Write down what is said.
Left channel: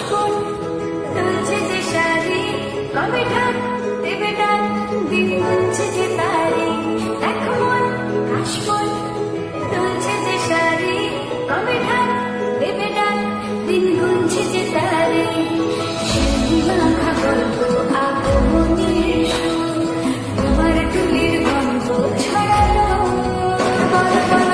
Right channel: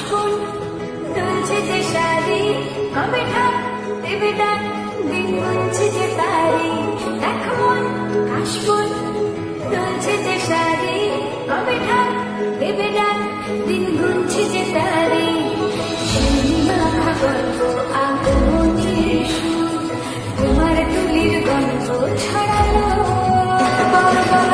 কাশবন দুলছে যে শাড়ি, কবে ঢাক দেবে ডাক, দিন গুনছে যে তারি। দেখ মন কাশবন দুলছে যে শাড়ি, কবে ঢাক দেবে ডাক, দিন গুনছে যে তারি। সেই মাখা গল্প আগমনীর সুর, তোমার টুলির গন্ধ ছড়ালো। বল বল